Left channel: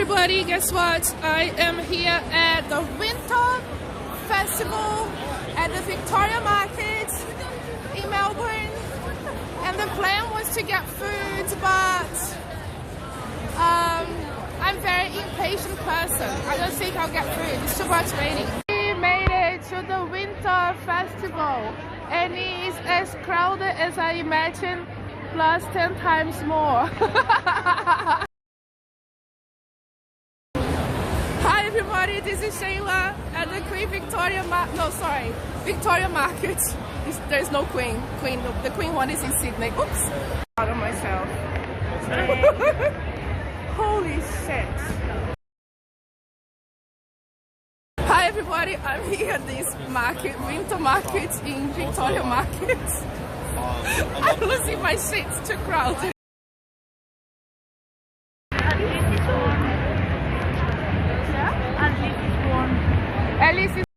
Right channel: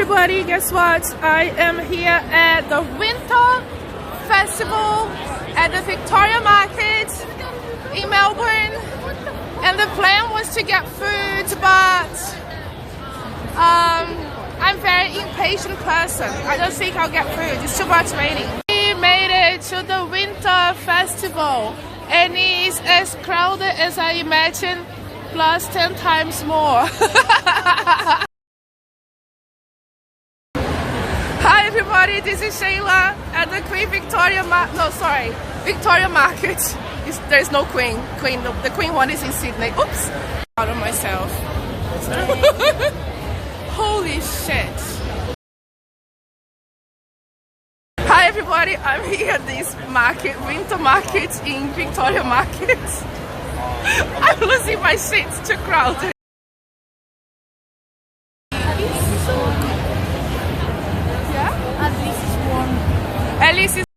everybody, guess what? I am here at the Winter Festival at the Victoria Market in Melbourne, and the plan was to get food, but I'm a very impatient person. I don't think I'll get food, it's too much raining. We made it to the Winter Festival and it is as crowded as I imagined, plus 10 times more. Hi everybody, this is Shailla at the Victoria Market. There's no Queen. The Queen one is in Sydney. Oops! Out of myself. Holy shit. Hi everybody, I'm here at this market, winter market in Victoria Market. I'm losing my shit, it's too crowded. At least it's